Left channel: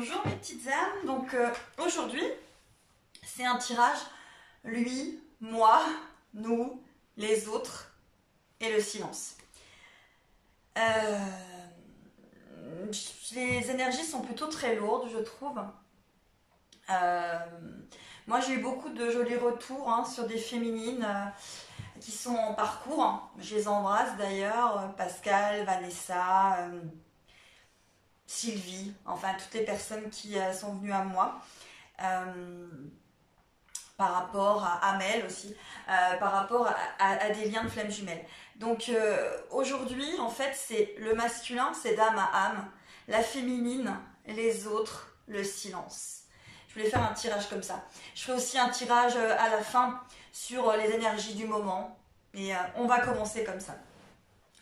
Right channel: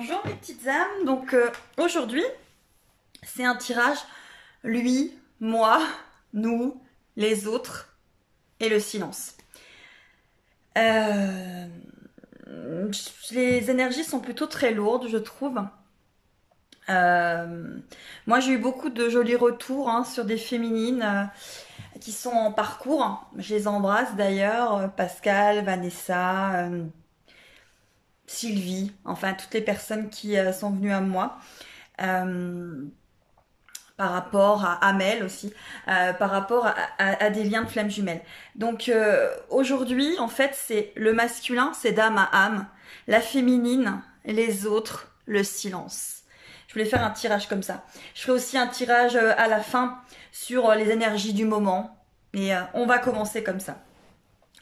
Bonjour mes petites âmes, donc aujourd'hui c'est un tirage lui, moi, nous, les autres et le silence. Les énergies sont plutôt très lourdes je trouve. Moi j'ai eu beaucoup de jolis retours sur des féminines qui sont en parcours. Je les embrasse d'ailleurs, Pascal, Vanessa, Sylvie, enfin toutes les personnes qui sont venues à moi. Par rapport à Amel aussi, par rapport à des liens de flammes jumelles. Donc aujourd'hui, en fait, c'est le masculin, c'est d'âme à âme, la féminine, les autres, le silence. Je voulais faire un tirage comme ça. Je ferai aussi un tirage à la fin sur les énergies du moment. Et on va commencer comme ça.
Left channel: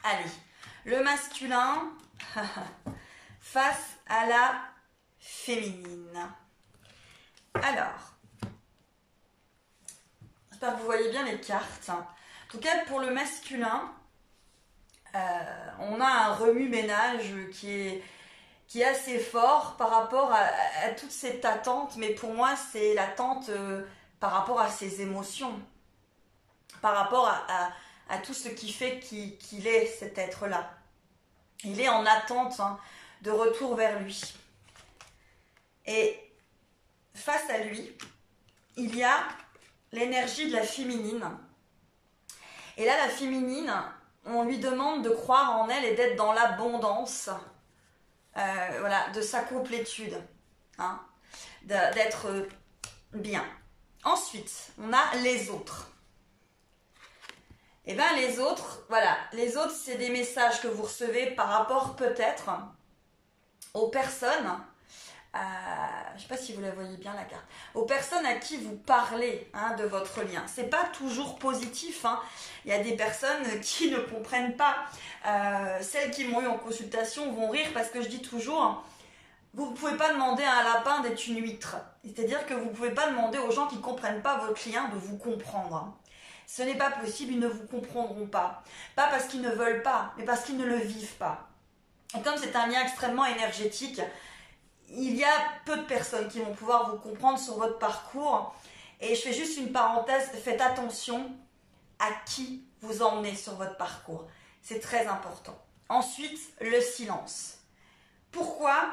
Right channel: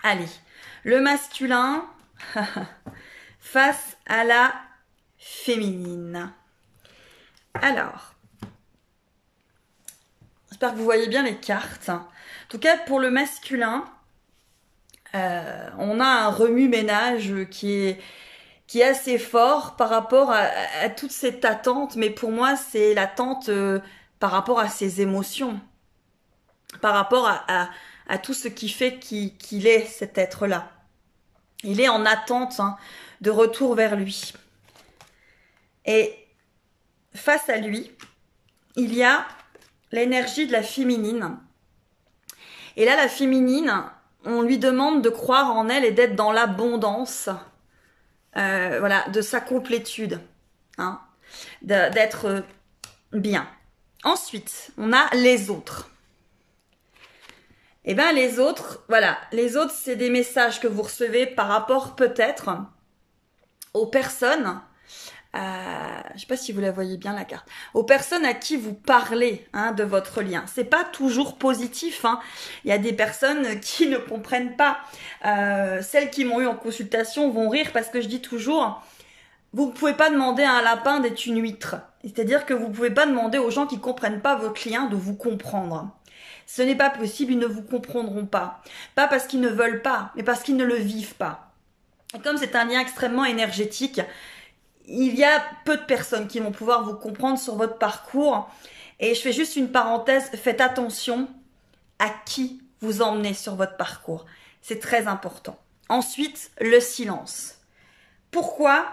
Allez, le masculin face à la féminine. Alors, j'espère que vous voyez bien les cartes. En tout cas, pour le masculin, on a un remue-ménage qui est assez fort par rapport à toute cette attente. Mais pour moi, c'est l'attente par rapport à ses émotions. Par rapport à tout ce qui fait qu'il est cet être-là. Il est en attente de retour vers lui. Et face à lui, il y a l'énergie de la féminine. Et là, la féminine, on lui demande de croire en elle et d'être dans l'abondance, voilà, de sa complétude, d'être bien. Ensuite, on a les autres. Et bien les autres, voilà, les autres, c'est des messages que vous recevez par rapport peut-être aux personnes. Je ne sais pas si vous la voyez bien la carte. Aux personnes à qui vous parlez de votre lien. C'est pas toujours positif. Il y a des personnes qui ne comprennent pas. Celles qui m'ont eu en consultation vont rire parce que je dis toujours, vous ne pouvez pas demander à un lapin d'être une huître. C'est-à-dire que vous ne pouvez pas demander aux gens qui ne comprennent pas votre lien de vous comprendre. Ce n'est pas possible, ils ne vous comprendront pas. Pas parce qu'ils ne veulent pas, mais parce qu'ils ne le vivent pas. Et comme c'est un lien extrêmement énergétique, il y a peu de personnes qui vont pouvoir vous comprendre sur votre parcours. Et je fais juste une parenthèse, faites attention à qui vous emmenez sur votre parcours. C'est très important. Ensuite, le silence. Pourquoi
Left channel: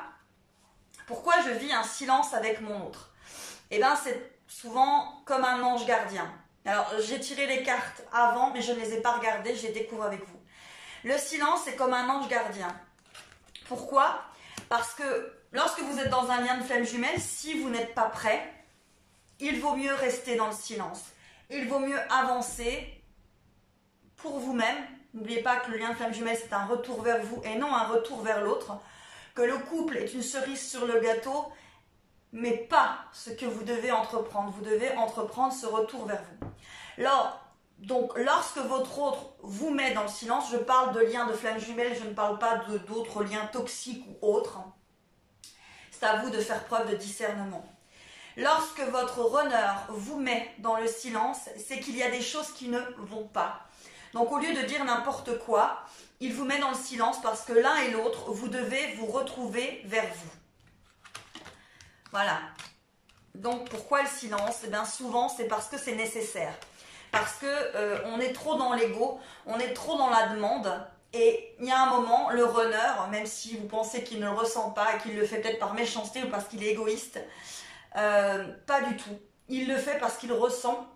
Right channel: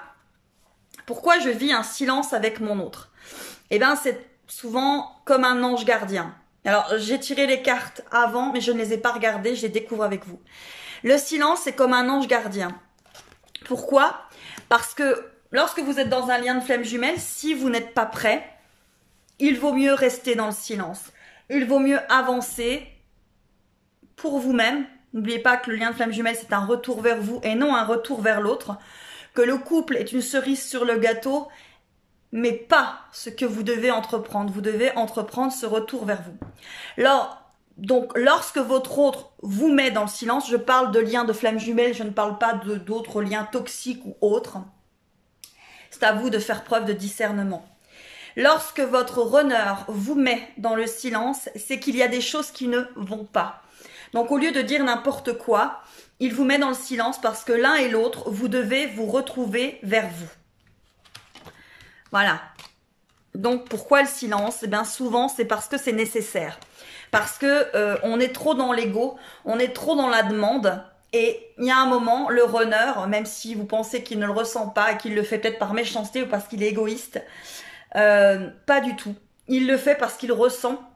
je vis un silence avec mon autre? Eh bien, c'est souvent comme un ange gardien. Alors, j'ai tiré les cartes avant, mais je ne les ai pas regardées, je les découvre avec vous. Le silence, c'est comme un ange gardien. Pourquoi? Parce que lorsque vous êtes dans un lien de flamme jumelle, si vous n'êtes pas prêt, il vaut mieux rester dans le silence. Il vaut mieux avancer pour vous-même. N'oubliez pas que le lien de flamme jumelle, c'est un retour vers vous et non un retour vers l'autre. Que le couple est une cerise sur le gâteau, mais pas ce que vous devez entreprendre. Vous devez entreprendre ce retour vers vous. Donc, lorsque votre autre vous met dans le silence, je parle de liens de flamme jumelle, je ne parle pas d'autres liens toxiques ou autres. C'est à vous de faire preuve de discernement. Lorsque votre runner vous met dans le silence, c'est qu'il y a des choses qui ne vont pas. Donc au lieu de dire n'importe quoi, il vous met dans le silence parce que l'un et l'autre, vous devez vous retrouver vers vous. Voilà. Donc pourquoi le silence? Eh bien souvent c'est parce que c'est nécessaire. Parce que on est trop dans l'ego, on est trop dans la demande. Et il y a un moment, le runner, même si vous pensez qu'il ne le ressent pas et qu'il le fait peut-être par méchanceté ou parce qu'il est égoïste, pas du tout. Il le fait parce qu'il ressent.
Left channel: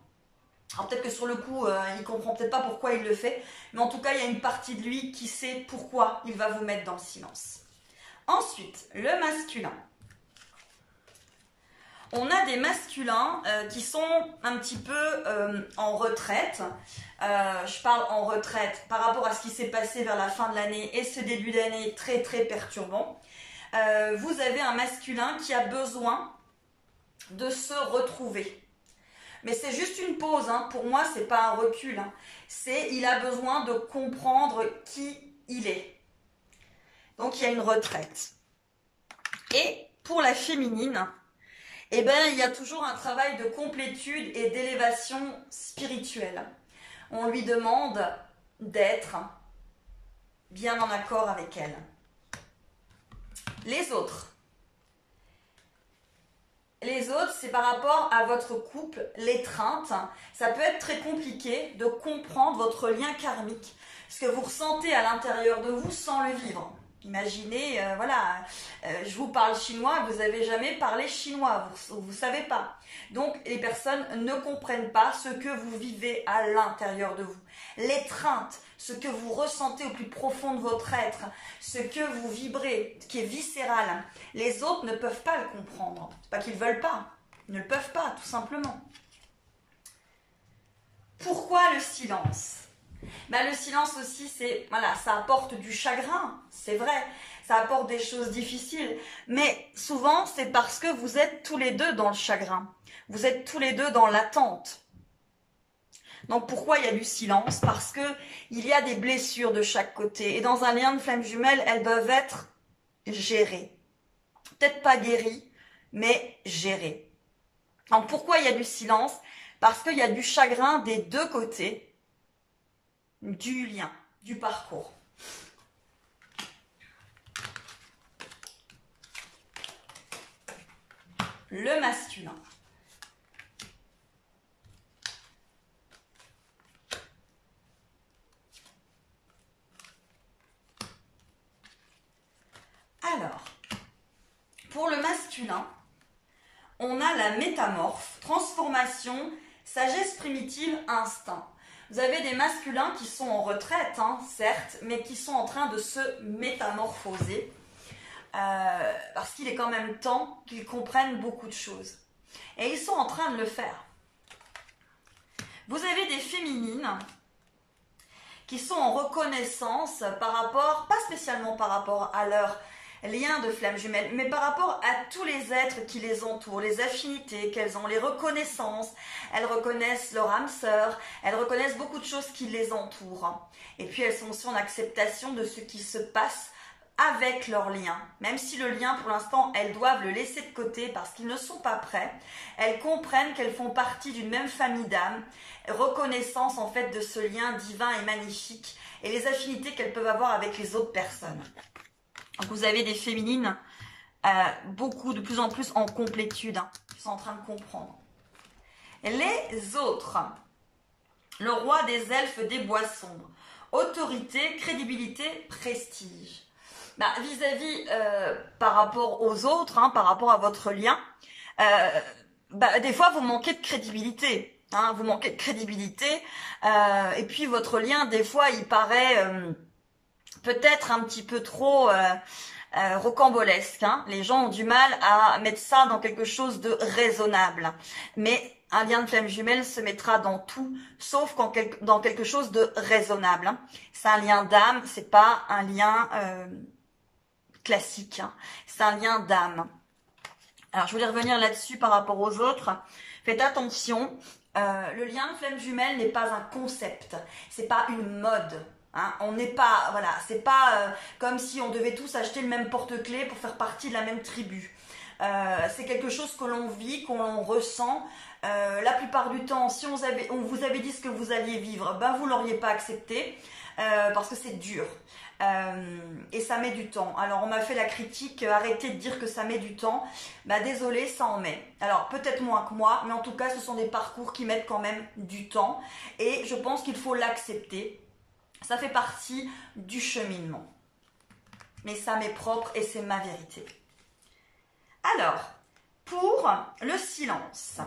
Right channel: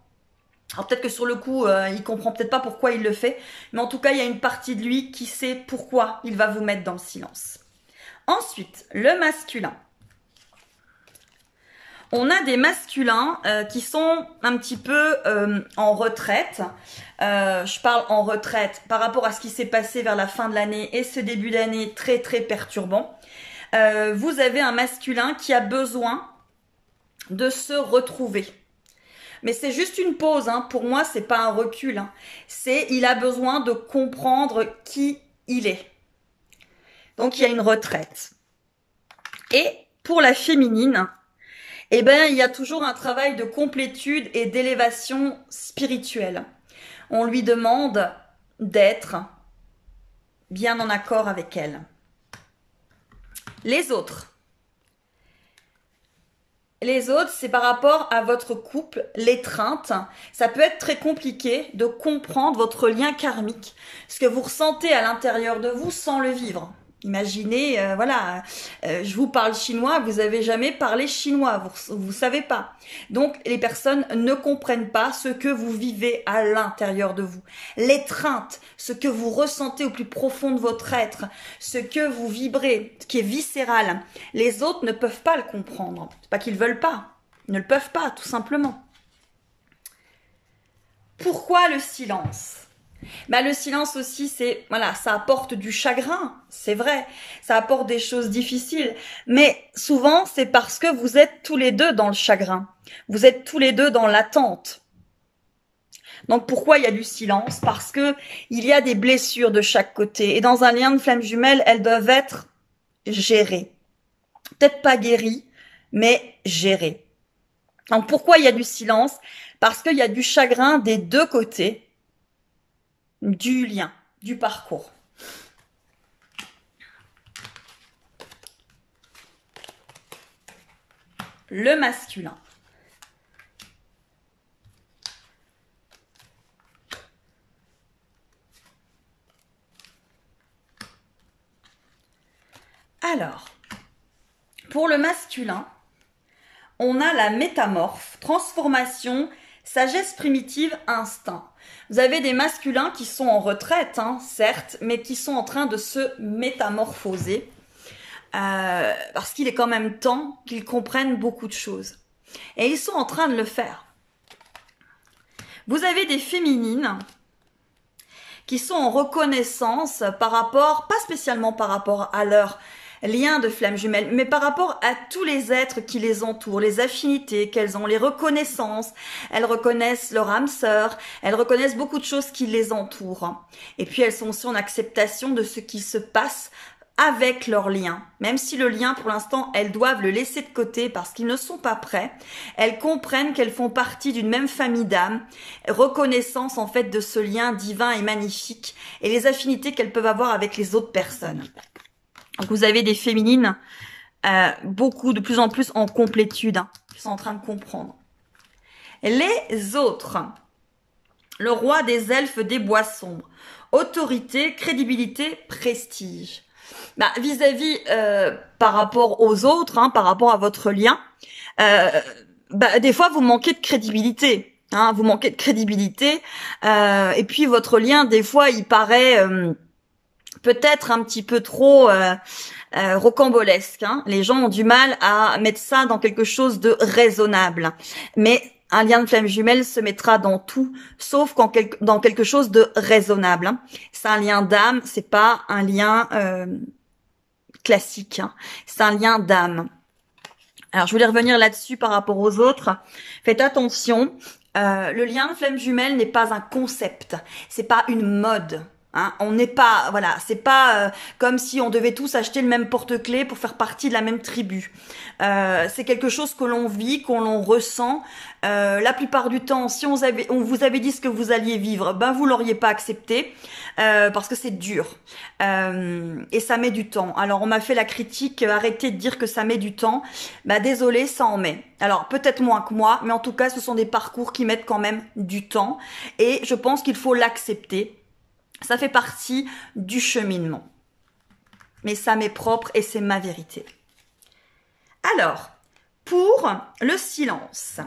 Alors peut-être que sur le coup, il comprend peut-être pas pourquoi il le fait, mais en tout cas, il y a une partie de lui qui sait pourquoi il va vous mettre dans le silence. Ensuite, le masculin. On a des masculins qui sont un petit peu en retraite. Je parle en retraite par rapport à ce qui s'est passé vers la fin de l'année et ce début d'année très très perturbant. Vous avez un masculin qui a besoin de se retrouver. Mais c'est juste une pause. Pour moi, c'est pas un recul. Il a besoin de comprendre qui il est. Donc, il y a une retraite. Et pour la féminine, eh bien, il y a toujours un travail de complétude et d'élévation spirituelle. On lui demande d'être bien en accord avec elle. Les autres. Les autres, c'est par rapport à votre couple, l'étreinte. Ça peut être très compliqué de comprendre votre lien karmique, ce que vous ressentez à l'intérieur de vous sans le vivre. Imaginez, voilà, je vous parle chinois, vous avez jamais parlé chinois, vous savez pas. Donc les personnes ne comprennent pas ce que vous vivez à l'intérieur de vous. L'étreinte, ce que vous ressentez au plus profond de votre être, ce que vous vibrez, ce qui est viscéral. Les autres ne peuvent pas le comprendre. C'est pas qu'ils veulent pas, ils ne le peuvent pas, tout simplement. Pourquoi le silence? Bah, le silence aussi, c'est, voilà, ça apporte du chagrin, c'est vrai, ça apporte des choses difficiles, mais souvent c'est parce que vous êtes tous les deux dans le chagrin, vous êtes tous les deux dans l'attente. Donc pourquoi il y a du silence? Parce que il y a des blessures de chaque côté, et dans un lien de flamme jumelle, elles doivent être gérées. Peut-être pas guéries, mais gérées. Donc pourquoi il y a du silence? Parce qu'il y a du chagrin des deux côtés, du lien, du parcours. Le masculin. Alors, pour le masculin, on a la métamorphe, transformation, sagesse primitive, instinct. Vous avez des masculins qui sont en retraite, hein, certes, mais qui sont en train de se métamorphoser parce qu'il est quand même temps qu'ils comprennent beaucoup de choses. Et ils sont en train de le faire. Vous avez des féminines qui sont en reconnaissance par rapport, pas spécialement par rapport à leur lien de flamme jumelle, mais par rapport à tous les êtres qui les entourent, les affinités qu'elles ont, les reconnaissances. Elles reconnaissent leur âme sœur, elles reconnaissent beaucoup de choses qui les entourent. Et puis elles sont aussi en acceptation de ce qui se passe avec leur lien. Même si le lien, pour l'instant, elles doivent le laisser de côté parce qu'ils ne sont pas prêts. Elles comprennent qu'elles font partie d'une même famille d'âmes, reconnaissance en fait de ce lien divin et magnifique et les affinités qu'elles peuvent avoir avec les autres personnes. Donc vous avez des féminines, beaucoup, de plus en plus en complétude, hein, qui sont en train de comprendre. Les autres, le roi des elfes des bois sombres, autorité, crédibilité, prestige. Bah, vis-à-vis par rapport aux autres, hein, par rapport à votre lien, bah, des fois vous manquez de crédibilité. Hein, vous manquez de crédibilité et puis votre lien, des fois, il paraît peut-être un petit peu trop rocambolesque. Hein. Les gens ont du mal à mettre ça dans quelque chose de raisonnable. Mais un lien de flamme jumelle se mettra dans tout, sauf dans quelque chose de raisonnable. Hein. C'est un lien d'âme, c'est pas un lien classique. Hein. C'est un lien d'âme. Alors, je voulais revenir là-dessus par rapport aux autres. Faites attention, le lien de flamme jumelle n'est pas un concept, c'est pas une mode. Hein, on n'est pas, voilà, c'est pas comme si on devait tous acheter le même porte-clés pour faire partie de la même tribu. C'est quelque chose que l'on vit, qu'on l'on ressent. La plupart du temps, si on vous avait dit ce que vous alliez vivre, ben vous l'auriez pas accepté parce que c'est dur et ça met du temps. Alors on m'a fait la critique, arrêtez de dire que ça met du temps. Ben désolé, ça en met. Alors peut-être moins que moi, mais en tout cas ce sont des parcours qui mettent quand même du temps et je pense qu'il faut l'accepter. Ça fait partie du cheminement. Mais ça m'est propre et c'est ma vérité. Alors, pour le silence,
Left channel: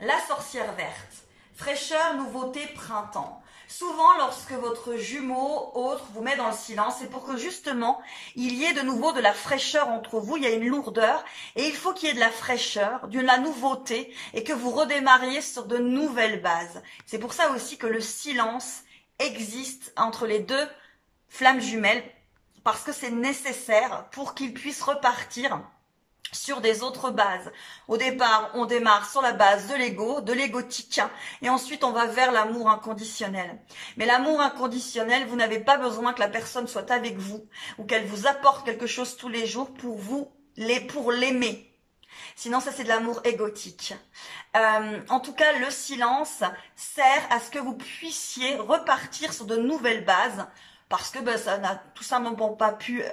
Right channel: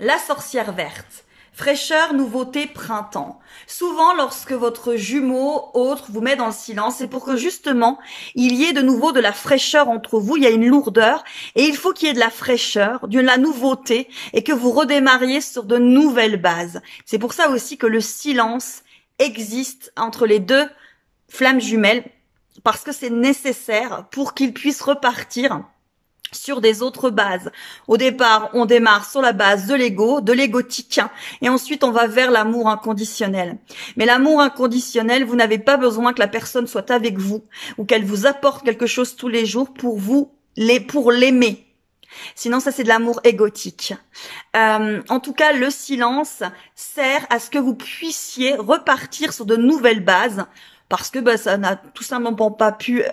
la sorcière verte, fraîcheur, nouveauté, printemps. Souvent, lorsque votre jumeau, autre, vous met dans le silence, c'est pour que justement, il y ait de nouveau de la fraîcheur entre vous, il y a une lourdeur, et il faut qu'il y ait de la fraîcheur, de la nouveauté, et que vous redémarriez sur de nouvelles bases. C'est pour ça aussi que le silence existe entre les deux flammes jumelles, parce que c'est nécessaire pour qu'ils puissent repartir sur des autres bases. Au départ, on démarre sur la base de l'ego, de l'égotique, et ensuite on va vers l'amour inconditionnel. Mais l'amour inconditionnel, vous n'avez pas besoin que la personne soit avec vous, ou qu'elle vous apporte quelque chose tous les jours pour l'aimer. Sinon, ça c'est de l'amour égotique. En tout cas, le silence sert à ce que vous puissiez repartir sur de nouvelles bases, parce que ça n'a tout simplement pas pu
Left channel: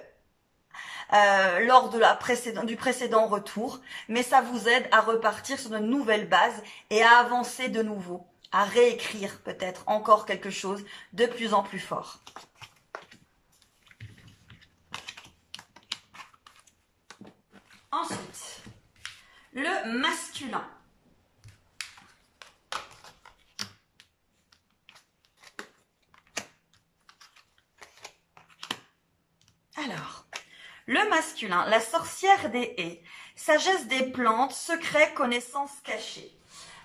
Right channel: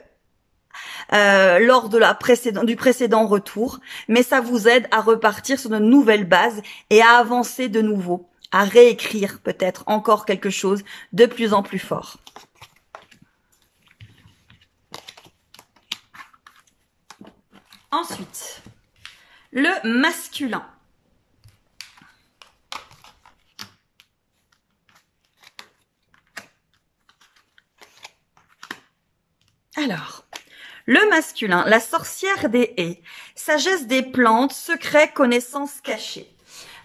lors de du précédent retour, mais ça vous aide à repartir sur de nouvelles bases et à avancer de nouveau, à réécrire peut-être encore quelque chose de plus en plus fort. Ensuite, le masculin. Alors, le masculin, la sorcière des haies, sagesse des plantes, secrets, connaissances cachées.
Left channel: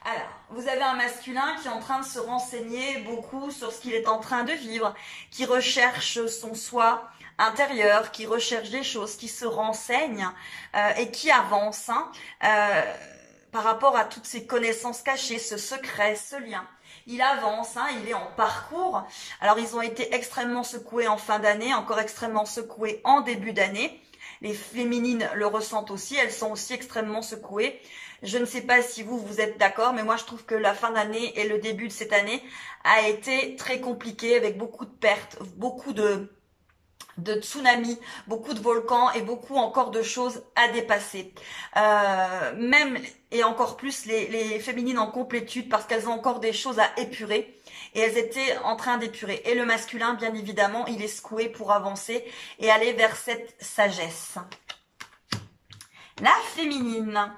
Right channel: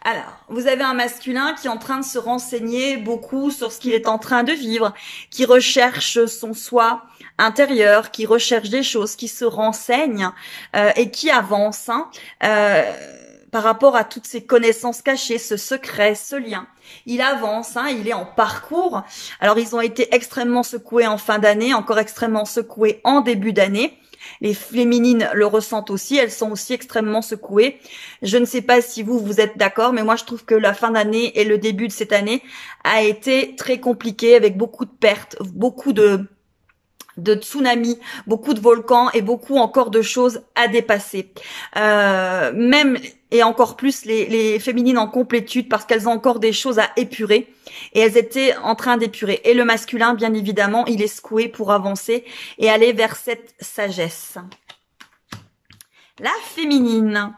Alors, vous avez un masculin qui est en train de se renseigner beaucoup sur ce qu'il est en train de vivre, qui recherche son soi intérieur, qui recherche des choses, qui se renseigne et qui avance par rapport à toutes ces connaissances cachées, ce secret, ce lien. Il avance, il est en parcours. Alors, ils ont été extrêmement secoués en fin d'année, encore extrêmement secoués en début d'année. Les féminines le ressentent aussi, elles sont aussi extrêmement secouées. Je ne sais pas si vous êtes d'accord, mais moi je trouve que la fin d'année et le début de cette année a été très compliqué avec beaucoup de pertes, beaucoup de tsunamis, beaucoup de volcans et beaucoup encore de choses à dépasser. Même et encore plus les féminines en complétude parce qu'elles ont encore des choses à épurer et elles étaient en train d'épurer. Et le masculin, bien évidemment, il est secoué pour avancer et aller vers cette sagesse. La féminine.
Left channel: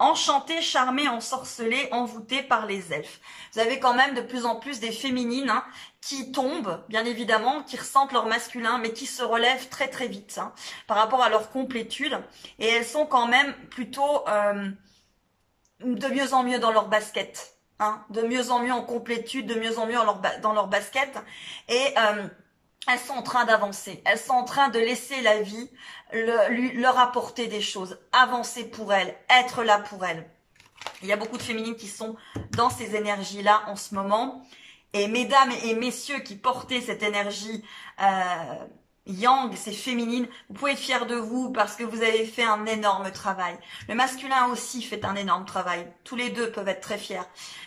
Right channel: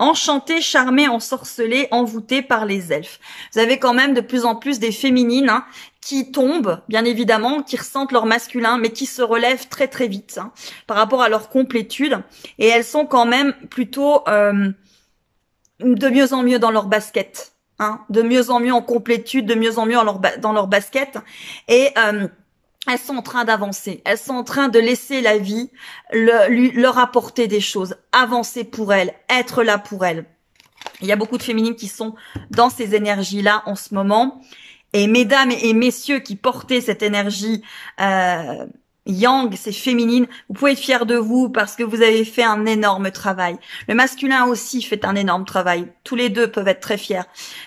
Enchantée, charmée, ensorcelée, envoûtée par les elfes. Vous avez quand même de plus en plus des féminines qui tombent, bien évidemment, qui ressentent leur masculin, mais qui se relèvent très très vite par rapport à leur complétude. Et elles sont quand même plutôt de mieux en mieux dans leur basket. De mieux en mieux en complétude, de mieux en mieux dans leur basket. Et elles sont en train d'avancer, elles sont en train de laisser la vie leur apporter des choses, avancer pour elles, être là pour elles. Il y a beaucoup de féminines qui sont dans ces énergies-là en ce moment. Et mesdames et messieurs qui portez cette énergie yang, c'est féminine, vous pouvez être fiers de vous parce que vous avez fait un énorme travail. Le masculin aussi fait un énorme travail. Tous les deux peuvent être très fiers.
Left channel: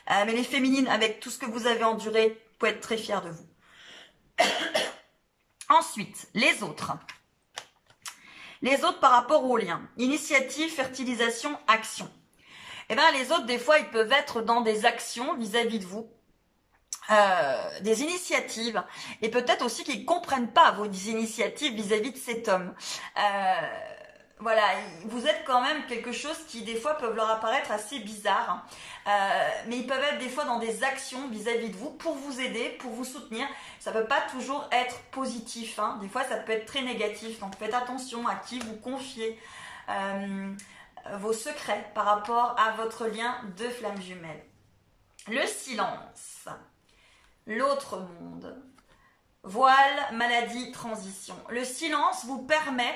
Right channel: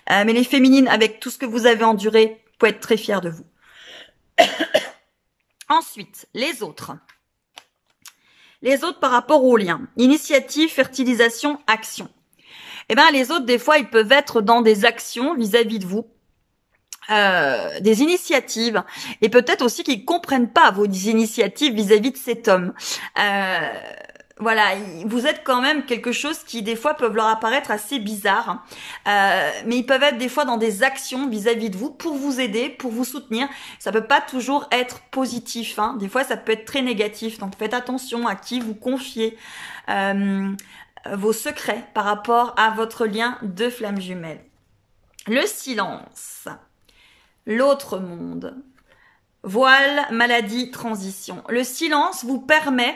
Mais les féminines, avec tout ce que vous avez enduré, vous pouvez être très fiers de vous. Ensuite, les autres. Les autres par rapport aux liens. Initiative, fertilisation, action. Eh bien, les autres, des fois, ils peuvent être dans des actions vis-à-vis de vous. Des initiatives. Et peut-être aussi qu'ils ne comprennent pas vos initiatives vis-à-vis de cet homme. Voilà, vous êtes quand même quelque chose qui des fois peuvent leur apparaître assez bizarre, mais ils peuvent être des fois dans des actions vis-à-vis de vous pour vous aider, pour vous soutenir. Ça peut pas toujours être positif, des fois ça peut être très négatif, donc faites attention à qui vous confiez vos secrets par rapport à votre lien de flamme jumelle. Le silence, l'autre monde, voile, maladie, transition. Le silence vous permet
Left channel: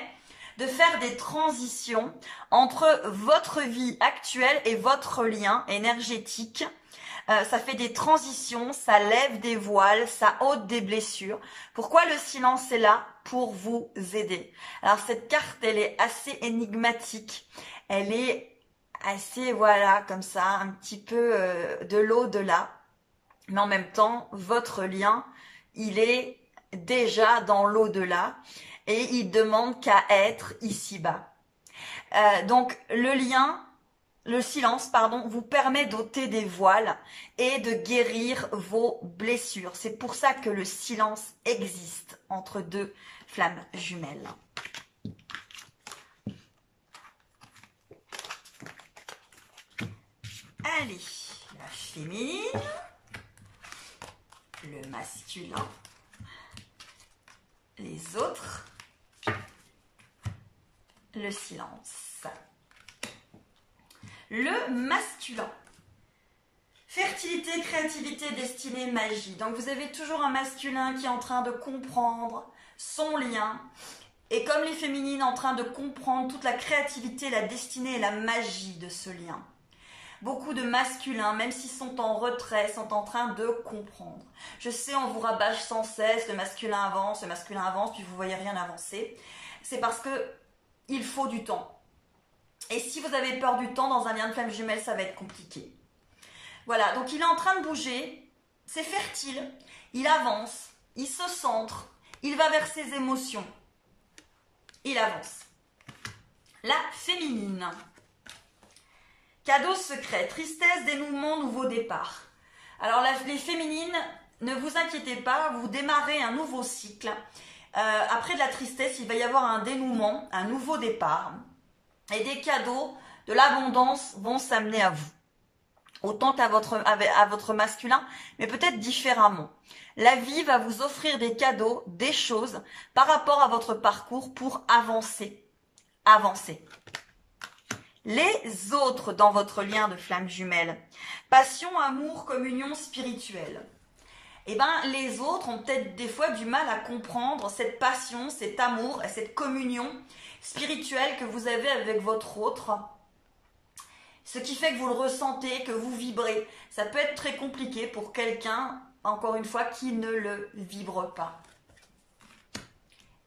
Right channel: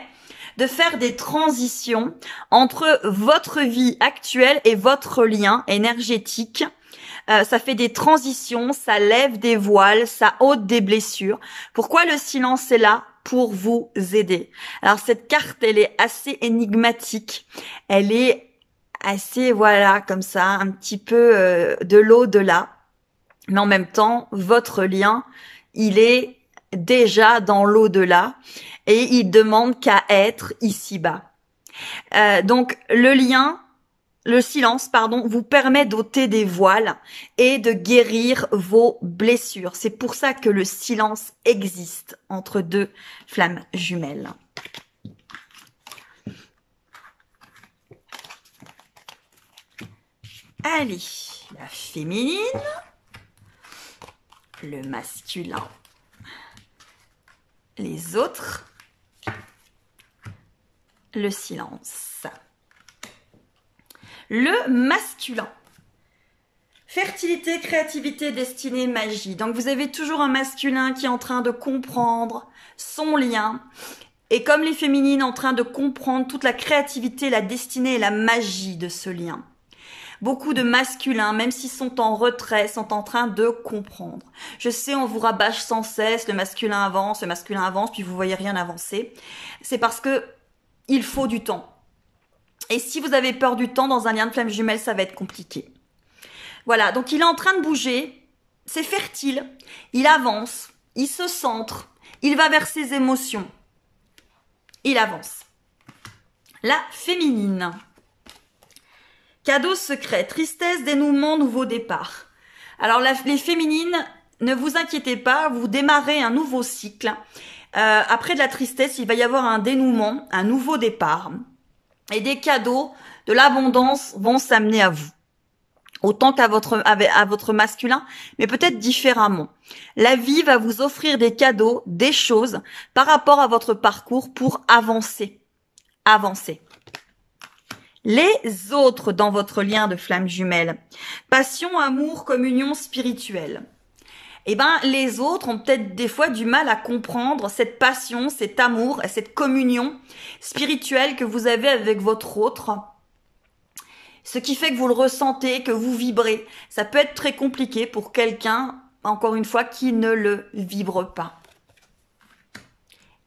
de faire des transitions entre votre vie actuelle et votre lien énergétique. Ça fait des transitions, ça lève des voiles, ça ôte des blessures. Pourquoi le silence est là? Pour vous aider. Alors cette carte, elle est assez énigmatique. Elle est assez, voilà, comme ça, un petit peu de l'au-delà. Mais en même temps, votre lien, il est déjà dans l'au-delà. Et il demande qu'à être ici-bas. Donc, le silence, vous permet d'ôter des voiles et de guérir vos blessures. C'est pour ça que le silence existe entre deux flammes jumelles. Allez, la féminine, le masculin, les autres. Le silence. Le masculin. Fertilité, créativité, destinée, magie. Donc vous avez toujours un masculin qui est en train de comprendre son lien. Et comme les féminines en train de comprendre toute la créativité, la destinée et la magie de ce lien. Beaucoup de masculins, même s'ils sont en retrait, sont en train de comprendre. Je sais, on vous rabâche sans cesse, le masculin avance, puis vous voyez rien avancer. C'est parce que il faut du temps. Et si vous avez peur du temps, dans un lien de flamme jumelle, ça va être compliqué. Voilà, donc il est en train de bouger, c'est fertile, il avance, il se centre, il va vers ses émotions. il avance. La féminine. Cadeau secret, tristesse, dénouement, nouveau départ. Alors les féminines, ne vous inquiétez pas, vous démarrez un nouveau cycle. Après de la tristesse, il va y avoir un dénouement, un nouveau départ. Et des cadeaux, de l'abondance vont s'amener à vous. Autant qu'à votre masculin, mais peut-être différemment. La vie va vous offrir des cadeaux, des choses par rapport à votre parcours pour avancer. Avancer. Les autres dans votre lien de flamme jumelle. Passion, amour, communion spirituelle. Eh ben, les autres ont peut-être des fois du mal à comprendre cette passion, cet amour, cette communion spirituelle que vous avez avec votre autre. Ce qui fait que vous le ressentez, que vous vibrez. Ça peut être très compliqué pour quelqu'un, encore une fois, qui ne le vibre pas.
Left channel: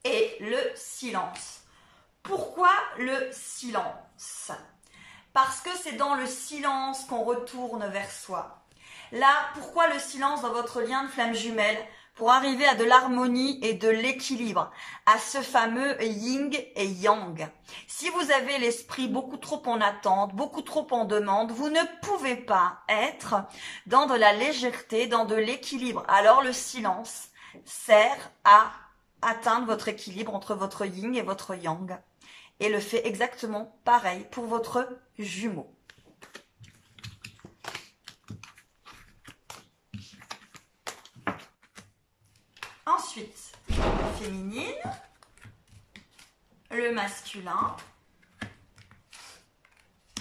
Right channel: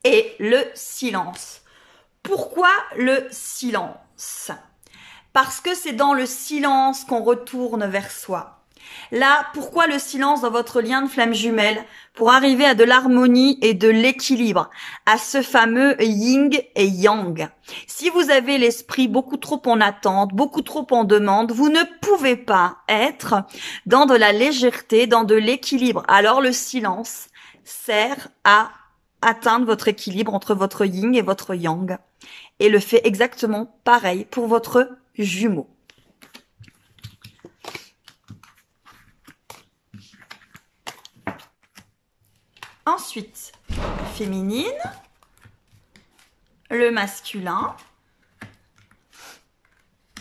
Et le silence. Pourquoi le silence? Parce que c'est dans le silence qu'on retourne vers soi. Là, pourquoi le silence dans votre lien de flamme jumelle? Pour arriver à de l'harmonie et de l'équilibre, à ce fameux yin et yang. Si vous avez l'esprit beaucoup trop en attente, beaucoup trop en demande, vous ne pouvez pas être dans de la légèreté, dans de l'équilibre. Alors le silence sert à atteindre votre équilibre entre votre yin et votre yang. Et le fait exactement pareil pour votre jumeau. Ensuite, la féminine, le masculin,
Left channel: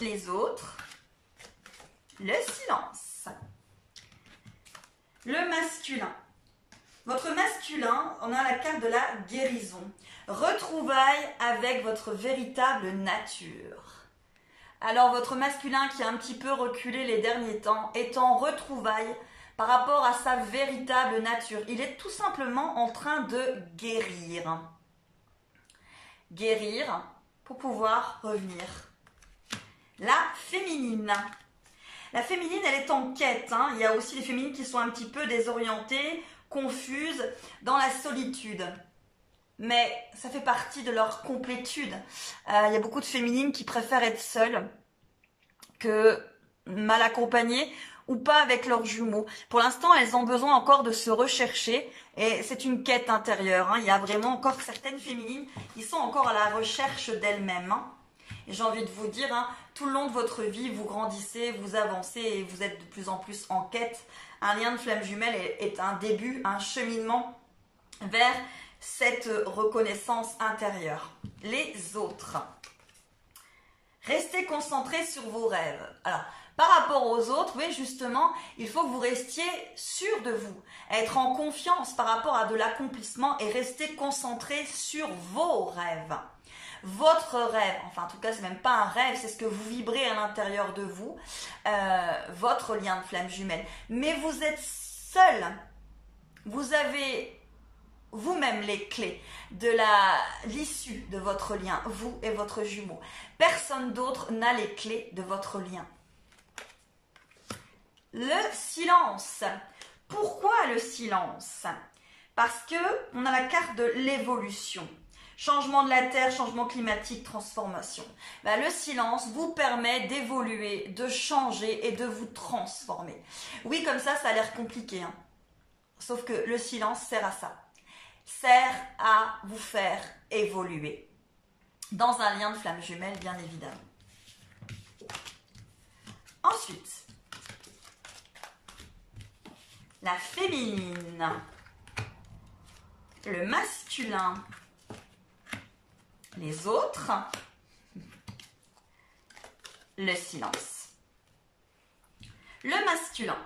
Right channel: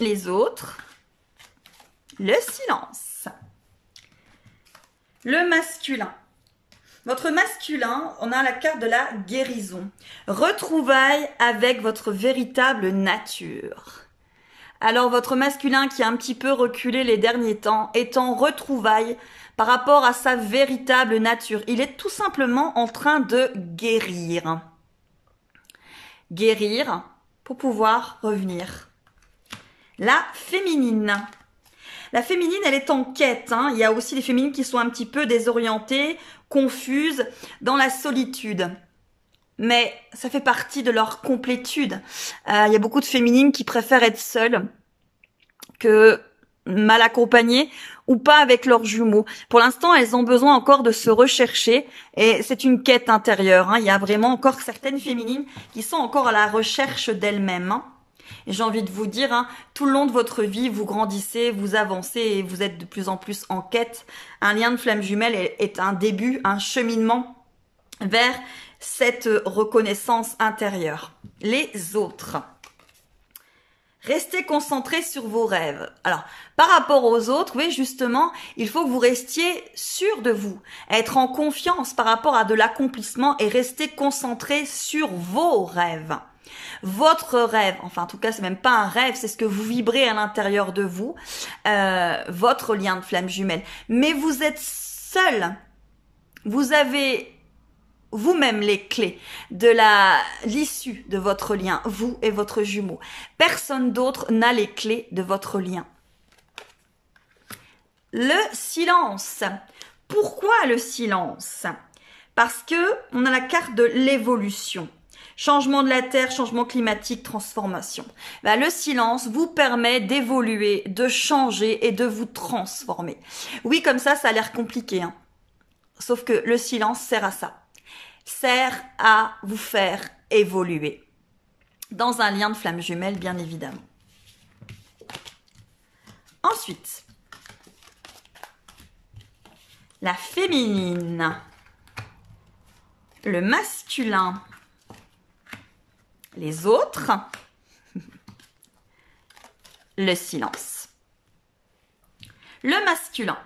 les autres, le silence. Le masculin. Votre masculin, on a la carte de la guérison. Retrouvailles avec votre véritable nature. Alors, votre masculin qui a un petit peu reculé les derniers temps est en retrouvailles par rapport à sa véritable nature. Il est tout simplement en train de guérir. Guérir pour pouvoir revenir. La féminine. La féminine, elle est en quête. Il y a aussi des féminines qui sont un petit peu désorientées, confuses, dans la solitude. Mais ça fait partie de leur complétude. Il y a beaucoup de féminines qui préfèrent être seules que mal accompagnées ou pas avec leurs jumeaux. Pour l'instant, elles ont besoin encore de se rechercher et c'est une quête intérieure. Il y a vraiment encore certaines féminines qui sont encore à la recherche d'elles-mêmes. Et j'ai envie de vous dire, tout le long de votre vie, vous grandissez, vous avancez et vous êtes de plus en plus en quête. Un lien de flamme jumelle est un début, un cheminement vers cette reconnaissance intérieure. Les autres. Restez concentrés sur vos rêves. Alors, par rapport aux autres, oui, justement, il faut que vous restiez sûr de vous, être en confiance par rapport à de l'accomplissement et rester concentré sur vos rêves. Votre rêve, enfin en tout cas c'est même pas un rêve, c'est ce que vous vibrez à l'intérieur de vous, votre lien de flamme jumelle. Mais vous êtes seul, vous avez vous-même les clés de l'issue de votre lien, vous et votre jumeau. Personne d'autre n'a les clés de votre lien. Le silence. Pourquoi le silence? Parce que on a la carte de l'évolution. Changement de la Terre, changement climatique, transformation. Le silence vous permet d'évoluer, de changer et de vous transformer. Oui, comme ça a l'air compliqué. Sauf que le silence sert à ça. Sert à vous faire évoluer. Dans un lien de flamme jumelle, bien évidemment. Ensuite, la féminine, le masculin, les autres, le silence. Le masculin.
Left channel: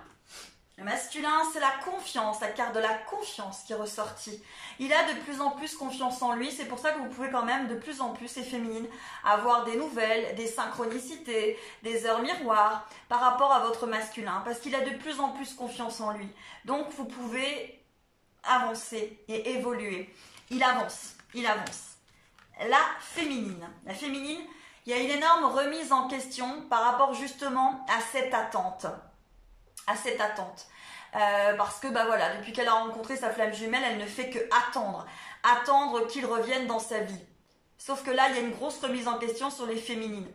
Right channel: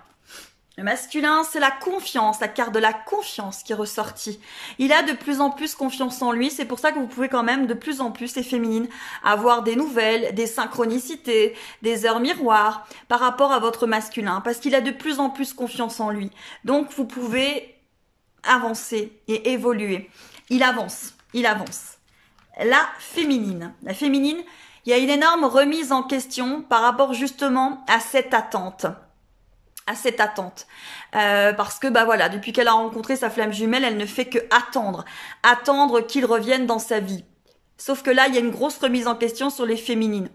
Le masculin, c'est la confiance, la carte de la confiance qui est ressortie. Il a de plus en plus confiance en lui, c'est pour ça que vous pouvez quand même de plus en plus, les féminines, avoir des nouvelles, des synchronicités, des heures miroirs par rapport à votre masculin, parce qu'il a de plus en plus confiance en lui. Donc vous pouvez avancer et évoluer. Il avance, il avance. La féminine, il y a une énorme remise en question par rapport justement à cette attente. Parce que voilà, depuis qu'elle a rencontré sa flamme jumelle, elle ne fait que attendre qu'il revienne dans sa vie. Sauf que là, il y a une grosse remise en question sur les féminines.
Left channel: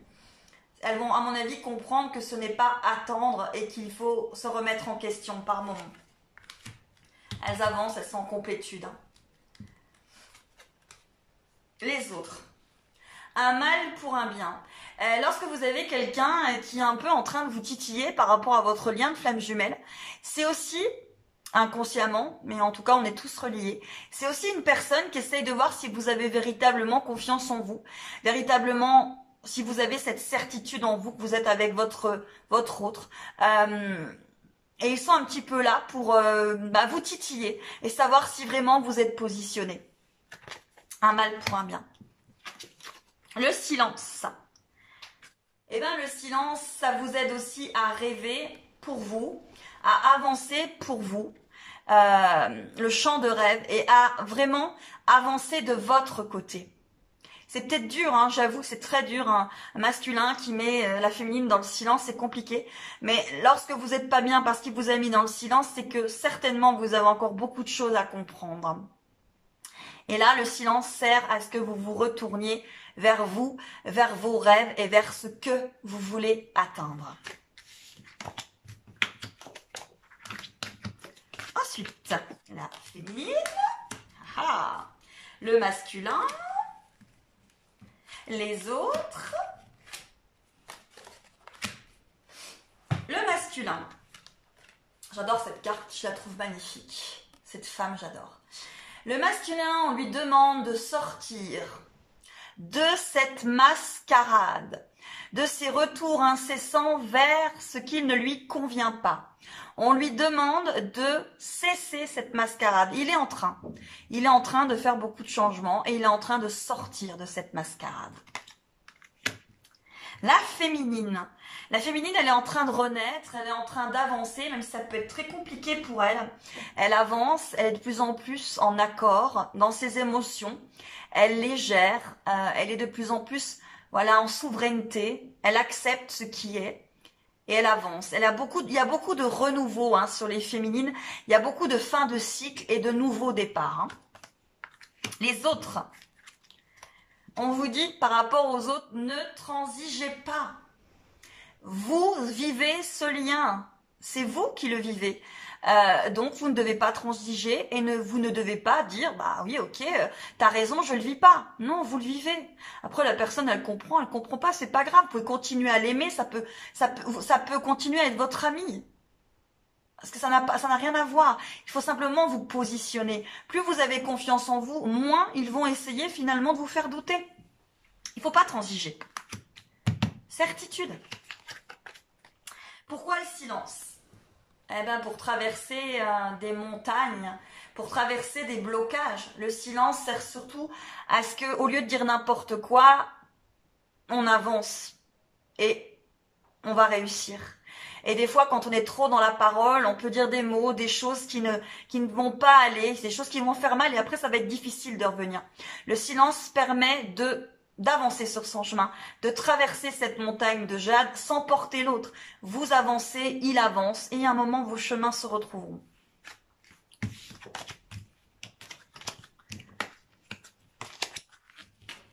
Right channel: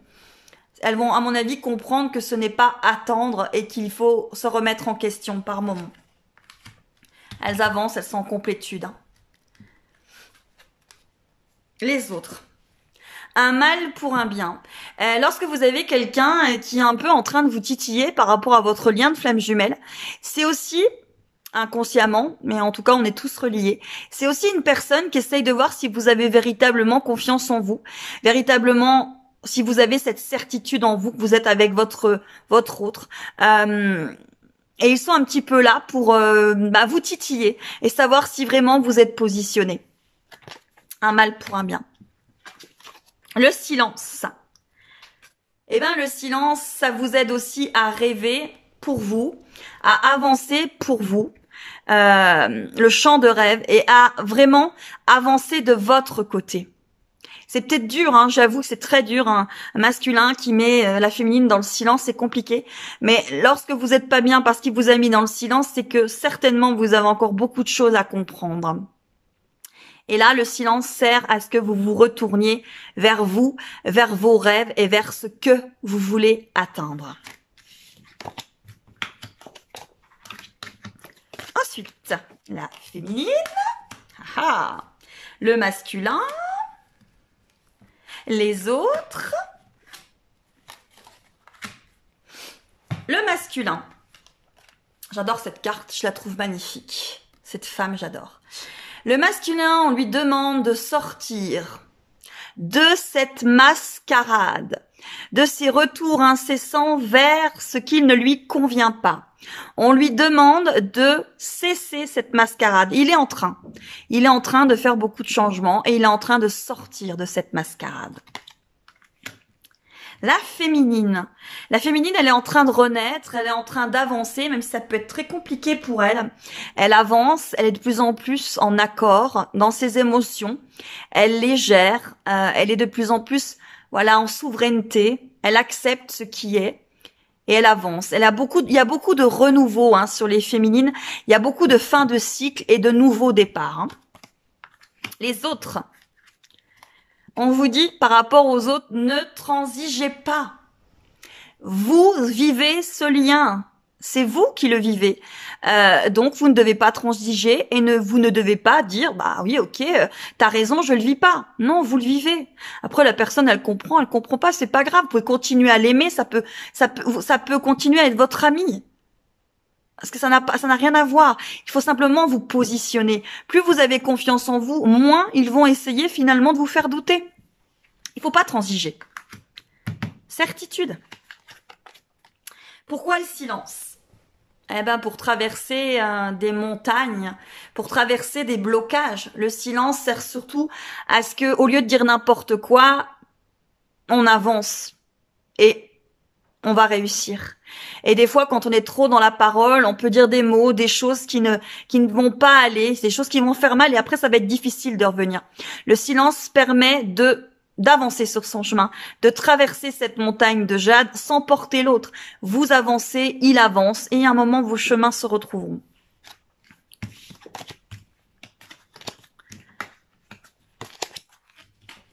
Elles vont, à mon avis, comprendre que ce n'est pas attendre et qu'il faut se remettre en question par moment. Elles avancent, elles sont en complétude. Hein. Les autres. Un mal pour un bien. Lorsque vous avez quelqu'un qui est un peu en train de vous titiller par rapport à votre lien de flamme jumelle, c'est aussi, inconsciemment, mais en tout cas on est tous reliés, c'est aussi une personne qui essaye de voir si vous avez véritablement confiance en vous, véritablement si vous avez cette certitude en vous que vous êtes avec votre autre. Et ils sont un petit peu là pour vous titiller et savoir si vraiment vous êtes positionné. Un mal pour un bien. Le silence. Eh bien, le silence, ça vous aide aussi à rêver pour vous, à avancer pour vous, le champ de rêve, et à vraiment avancer de votre côté. C'est peut-être dur, hein, j'avoue, c'est très dur, hein, un masculin qui met la féminine dans le silence, c'est compliqué. Mais lorsque vous n'êtes pas bien parce qu'il vous a mis dans le silence, c'est que certainement vous avez encore beaucoup de choses à comprendre. Et là, le silence sert à ce que vous vous retourniez vers vous, vers vos rêves et vers ce que vous voulez atteindre. Ensuite, la féminine, le masculin, les autres, le masculin. J'adore cette carte, je la trouve magnifique. Cette femme, j'adore. Le masculin, on lui demande de sortir de cette mascarade, de ses retours incessants vers ce qui ne lui convient pas. On lui demande de cesser cette mascarade. Il est en train de faire beaucoup de changements et il est en train de sortir de cette mascarade. La féminine, elle est en train de renaître, elle est en train d'avancer, même si ça peut être très compliqué pour elle. Elle avance, elle est de plus en plus en accord dans ses émotions, elle les gère, elle est de plus en plus en souveraineté, elle accepte ce qui est et elle avance. Il y a beaucoup de renouveau sur les féminines, il y a beaucoup de fin de cycle et de nouveaux départs. Hein. Les autres. On vous dit, par rapport aux autres, ne transigez pas. Vous vivez ce lien. C'est vous qui le vivez. Donc, vous ne devez pas transiger et vous ne devez pas dire, bah oui, ok, t'as raison, je le vis pas. Non, vous le vivez. Après, la personne, elle comprend pas, c'est pas grave. Vous pouvez continuer à l'aimer, ça peut continuer à être votre ami. Parce que ça n'a rien à voir. Il faut simplement vous positionner. Plus vous avez confiance en vous, moins ils vont essayer finalement de vous faire douter. Il faut pas transiger. Certitude. Pourquoi le silence? Eh ben pour traverser des montagnes, pour traverser des blocages. Le silence sert surtout à ce que, au lieu de dire n'importe quoi, on avance et on va réussir. Et des fois, quand on est trop dans la parole, on peut dire des mots, des choses qui ne vont pas aller, des choses qui vont faire mal et après, ça va être difficile de revenir. Le silence permet d'avancer sur son chemin, de traverser cette montagne de jade sans porter l'autre. Vous avancez, il avance et à un moment, vos chemins se retrouveront.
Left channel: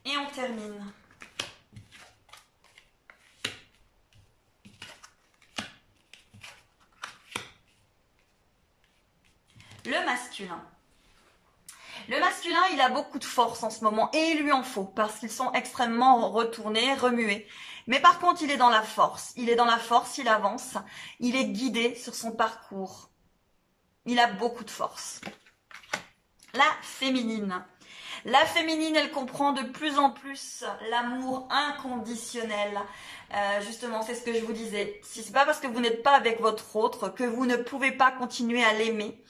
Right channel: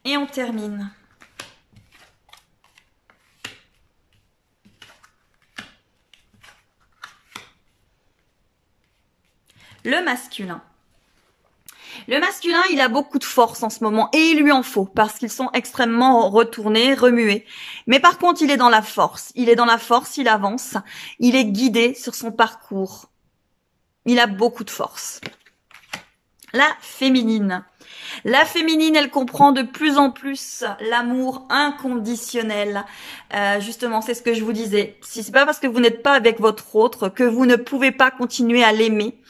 Et on termine. Le masculin. Le masculin, il a beaucoup de force en ce moment et il lui en faut parce qu'ils sont extrêmement retournés, remués. Mais par contre, il est dans la force. Il est dans la force, il avance. Il est guidé sur son parcours. Il a beaucoup de force. La féminine. La féminine, elle comprend de plus en plus l'amour inconditionnel. Justement, c'est ce que je vous disais. Si c'est pas parce que vous n'êtes pas avec votre autre que vous ne pouvez pas continuer à l'aimer.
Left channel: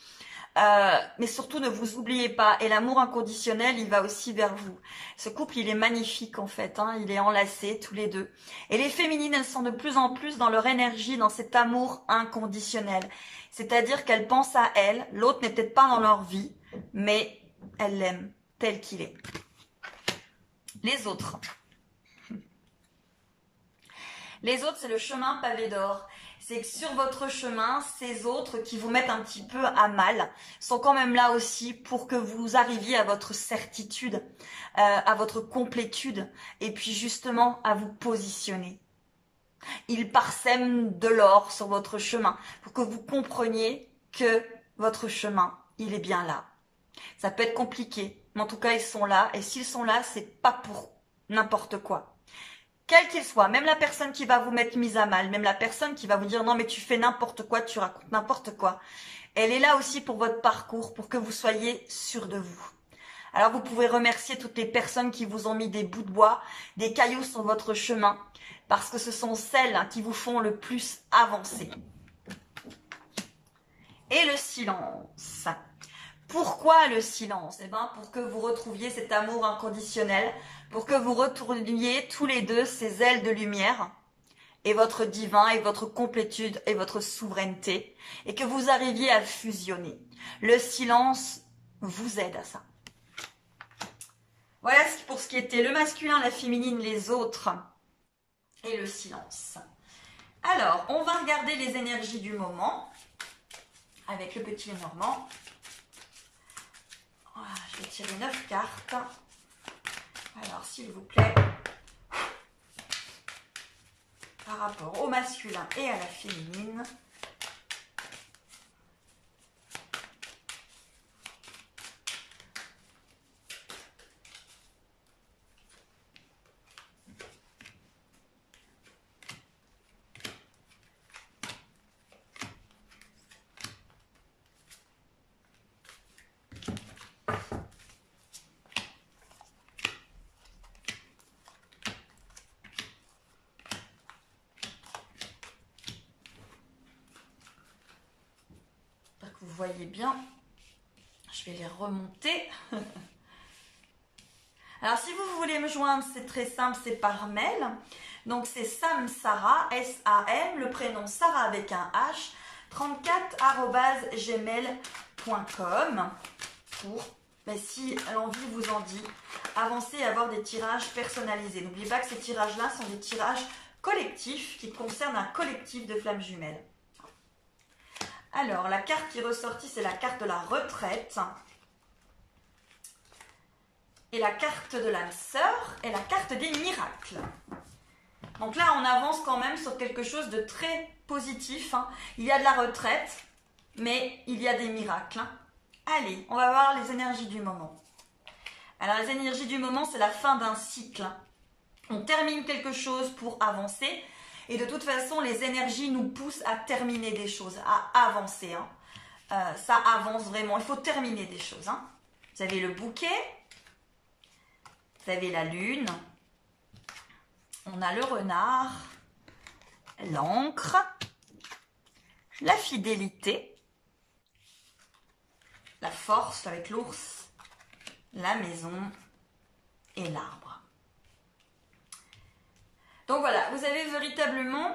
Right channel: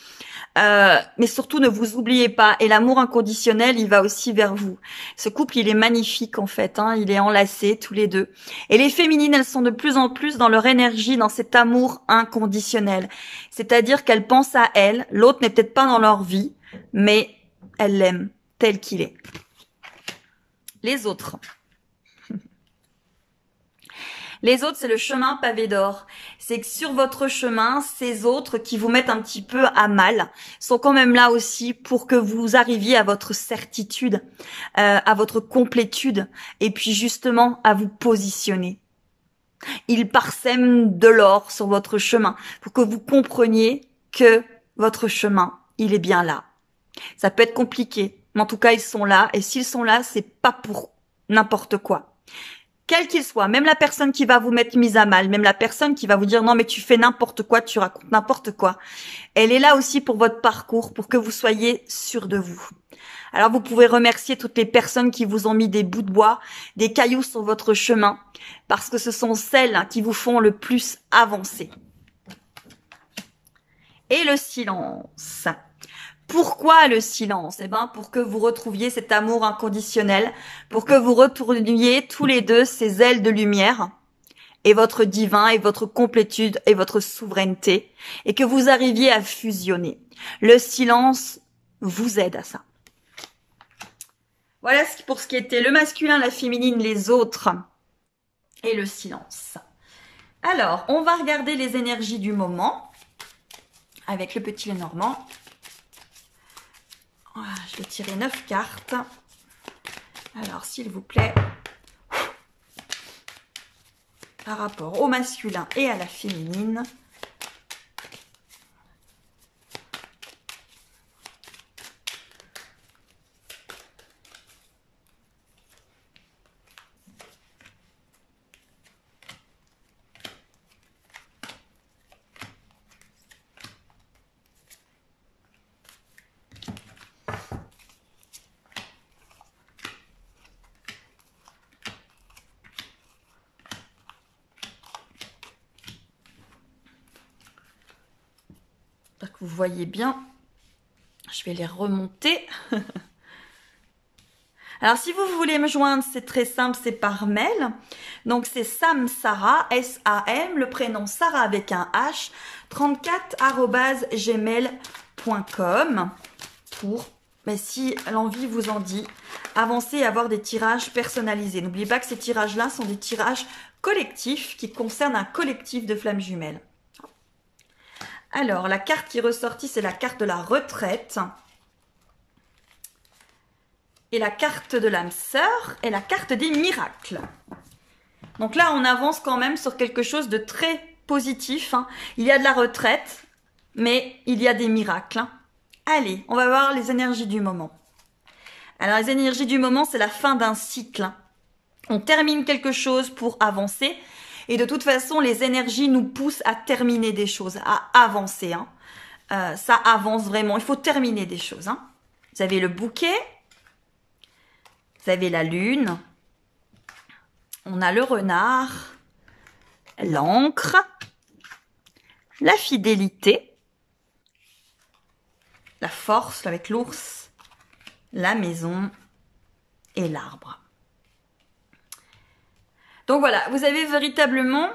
Mais surtout, ne vous oubliez pas. Et l'amour inconditionnel, il va aussi vers vous. Ce couple, il est magnifique en fait. Hein, il est enlacé tous les deux. Et les féminines, elles sont de plus en plus dans leur énergie, dans cet amour inconditionnel. C'est-à-dire qu'elles pensent à elles. L'autre n'est peut-être pas dans leur vie, mais elles l'aiment tel qu'il est. Les autres. Les autres, c'est le chemin pavé d'or. C'est que sur votre chemin, ces autres qui vous mettent un petit peu à mal sont quand même là aussi pour que vous arriviez à votre certitude, à votre complétude et puis justement à vous positionner. Ils parsèment de l'or sur votre chemin pour que vous compreniez que votre chemin, il est bien là. Ça peut être compliqué, mais en tout cas, ils sont là. Et s'ils sont là, c'est pas pour n'importe quoi. Quel qu'il soit, même la personne qui va vous mettre mise à mal, même la personne qui va vous dire non mais tu fais n'importe quoi, tu racontes n'importe quoi, elle est là aussi pour votre parcours, pour que vous soyez sûr de vous. Alors vous pouvez remercier toutes les personnes qui vous ont mis des bouts de bois, des cailloux sur votre chemin, parce que ce sont celles qui vous font le plus avancer. Et le silence. Pourquoi le silence? Eh ben, pour que vous retrouviez cet amour inconditionnel, pour que vous retourniez tous les deux ces ailes de lumière et votre divin et votre complétude et votre souveraineté et que vous arriviez à fusionner. Le silence vous aide à ça. Voilà pour ce qui était le masculin, la féminine, les autres et le silence. Alors, on va regarder les énergies du moment avec le petit Lenormand. Voilà, je vais tirer 9 cartes. Alors, s'il vous plaît, par rapport au masculin et à la féminine. Vous voyez bien, je vais les remonter. Alors si vous voulez me joindre, c'est très simple, c'est par mail. Donc c'est Samsara, S-A-M, le prénom Sarah avec un H, 34@gmail.com pour, mais si l'envie vous en dit, avancer et avoir des tirages personnalisés. N'oubliez pas que ces tirages-là sont des tirages collectifs qui concernent un collectif de flammes jumelles. Alors, la carte qui est ressortie, c'est la carte de la retraite. Et la carte de l'âme sœur et la carte des miracles. Donc là, on avance quand même sur quelque chose de très positif. Hein. Il y a de la retraite, mais il y a des miracles. Hein. Allez, on va voir les énergies du moment. Alors, les énergies du moment, c'est la fin d'un cycle. Hein. On termine quelque chose pour avancer. Et de toute façon, les énergies nous poussent à terminer des choses, à avancer. Hein. Ça avance vraiment. Il faut terminer des choses. Hein. Vous avez le bouquet. Vous avez la lune. On a le renard. L'encre. La fidélité. La force avec l'ours. La maison. Et l'arbre. Donc voilà, vous avez véritablement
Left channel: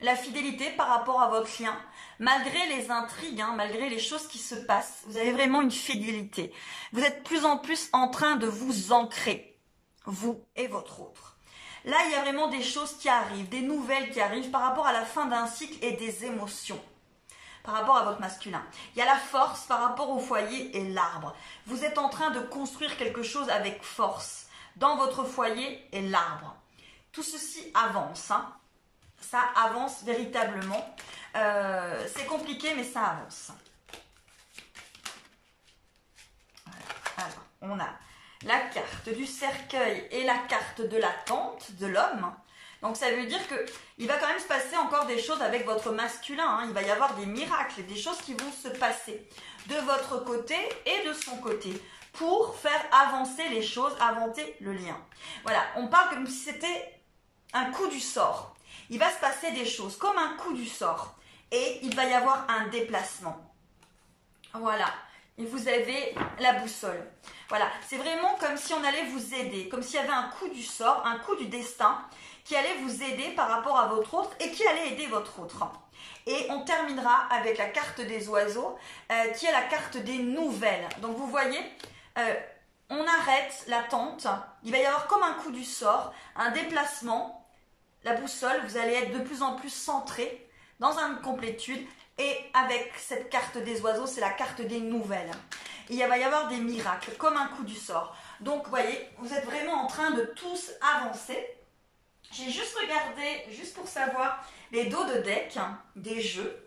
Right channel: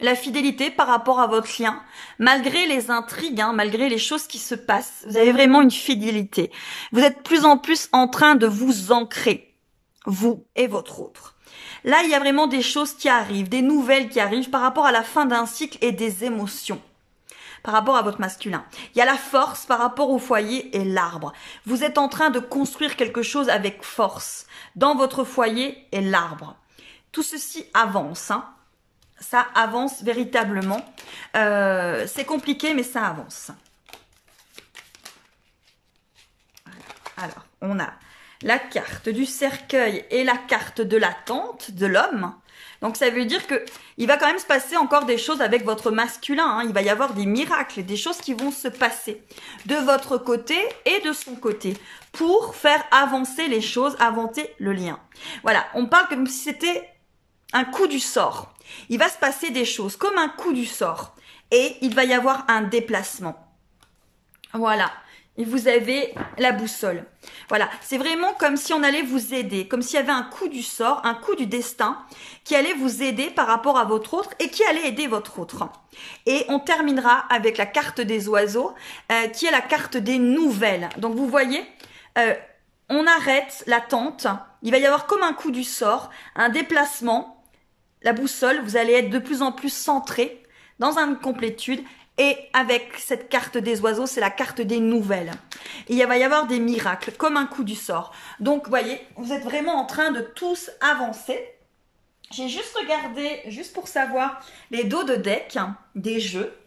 la fidélité par rapport à votre lien. Malgré les intrigues, hein, malgré les choses qui se passent, vous avez vraiment une fidélité. Vous êtes de plus en plus en train de vous ancrer, vous et votre autre. Là, il y a vraiment des choses qui arrivent, des nouvelles qui arrivent par rapport à la fin d'un cycle et des émotions. Par rapport à votre masculin. Il y a la force par rapport au foyer et l'arbre. Vous êtes en train de construire quelque chose avec force dans votre foyer et l'arbre. Tout ceci avance. Hein. Ça avance véritablement. C'est compliqué, mais ça avance. Voilà. Alors, on a la carte du cercueil et la carte de l'attente de l'homme. Donc, ça veut dire qu'il va quand même se passer encore des choses avec votre masculin. Hein. Il va y avoir des miracles, des choses qui vont se passer de votre côté et de son côté pour faire avancer les choses, avancer le lien. Voilà, on parle comme si c'était un coup du sort. Il va se passer des choses comme un coup du sort et il va y avoir un déplacement. Voilà. Et vous avez la boussole. Voilà, c'est vraiment comme si on allait vous aider, comme s'il y avait un coup du sort, un coup du destin qui allait vous aider par rapport à votre autre et qui allait aider votre autre. Et on terminera avec la carte des oiseaux qui est la carte des nouvelles. Donc vous voyez, on arrête l'attente, il va y avoir comme un coup du sort, un déplacement la boussole, vous allez être de plus en plus centré dans une complétude. Et avec cette carte des oiseaux, c'est la carte des nouvelles. Il va y avoir des miracles, comme un coup du sort. Donc, vous voyez, vous êtes vraiment en train de tous avancer. J'ai juste regardé, juste pour savoir, les dos de deck des jeux,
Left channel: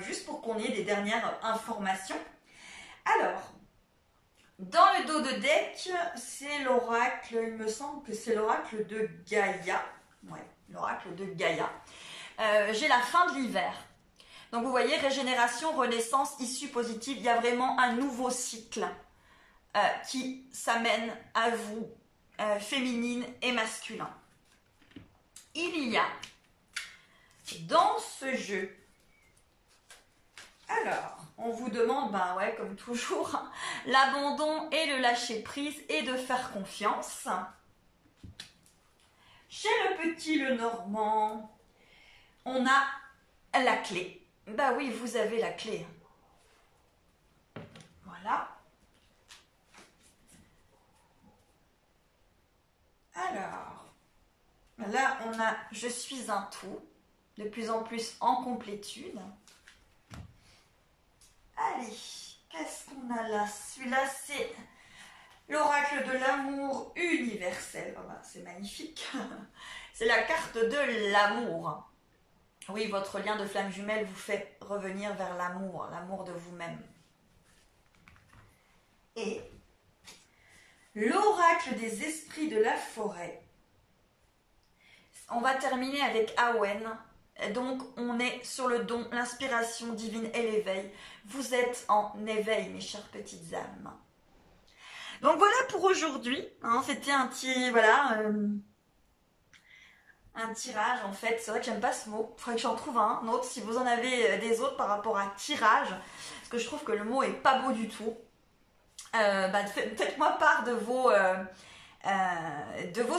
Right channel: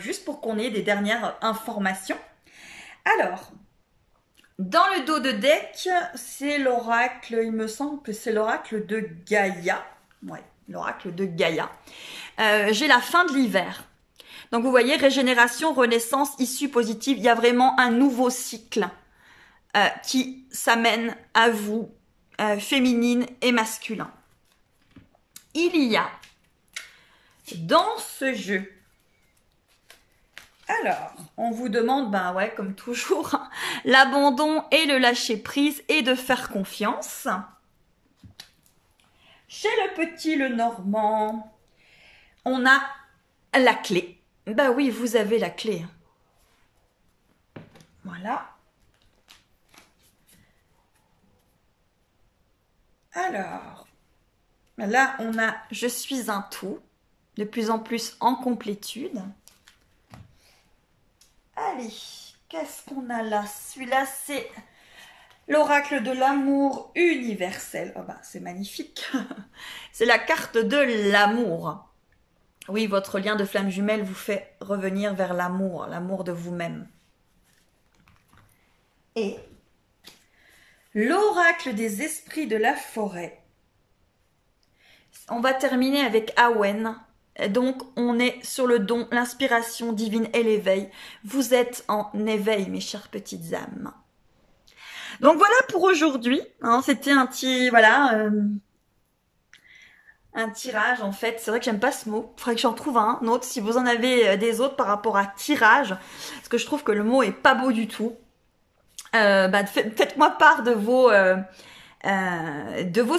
juste pour qu'on ait des dernières informations. Alors, dans le dos de deck, c'est l'oracle, il me semble que c'est l'oracle de Gaïa. Ouais, l'oracle de Gaïa. J'ai la fin de l'hiver. Donc, vous voyez, régénération, renaissance, issue positive. Il y a vraiment un nouveau cycle qui s'amène à vous, féminine et masculin. Il y a dans ce jeu, alors, on vous demande, ben ouais, comme toujours, l'abandon et le lâcher prise et de faire confiance. Chez le petit Lenormand, on a la clé. Ben oui, vous avez la clé. Voilà. Alors, là, on a « Je suis un tout », de plus en plus en complétude. Allez, qu'est-ce qu'on a là? Celui-là, c'est l'oracle de l'amour universel. Oh ben, c'est magnifique. C'est la carte de l'amour. Oui, votre lien de flamme jumelle vous fait revenir vers l'amour, l'amour de vous-même. Et l'oracle des esprits de la forêt. On va terminer avec Awen. Donc, on est sur le don, l'inspiration divine et l'éveil. Vous êtes en éveil, mes chères petites âmes. Donc, voilà pour aujourd'hui. Hein, c'était un petit, voilà, un tirage en fait. C'est vrai que j'aime pas ce mot. Il faudrait que j'en trouve un autre si vous en avez des autres par rapport à tirage. Parce que je trouve que le mot est pas beau du tout. Faites-moi part de vos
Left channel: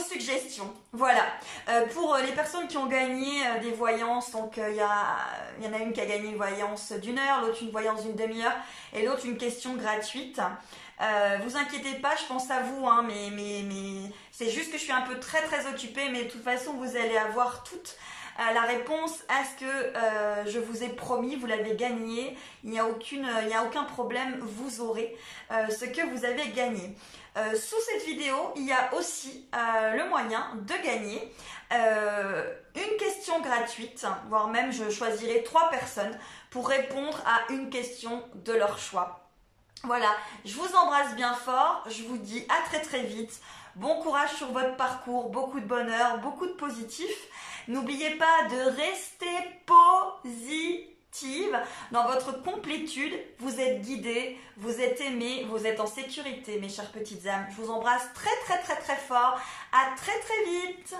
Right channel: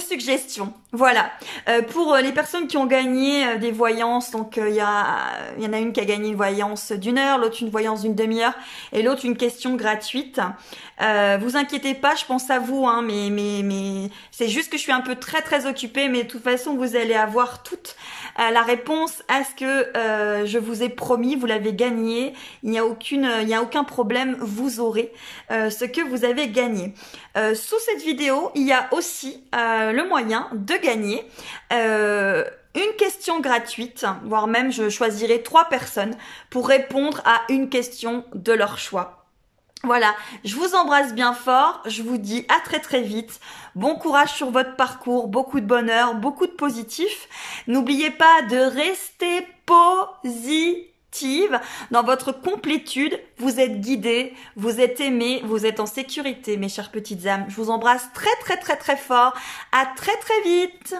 suggestions. Voilà. Pour les personnes qui ont gagné des voyances, donc il y en a une qui a gagné une voyance d'1 heure, l'autre une voyance d'une demi-heure et l'autre une question gratuite. Vous inquiétez pas, je pense à vous, hein, mais c'est juste que je suis un peu très occupée, mais de toute façon vous allez avoir toute la réponse à ce que je vous ai promis, vous l'avez gagné, il n'y a aucun problème, vous aurez ce que vous avez gagné. Sous cette vidéo, il y a aussi le moyen de gagner une question gratuite, voire même je choisirai 3 personnes pour répondre à une question de leur choix. Voilà, je vous embrasse bien fort, je vous dis à très vite, bon courage sur votre parcours, beaucoup de bonheur, beaucoup de positif. N'oubliez pas de rester positive dans votre complétude, vous êtes guidés, vous êtes aimés, vous êtes en sécurité mes chères petites âmes. Je vous embrasse très fort, à très vite.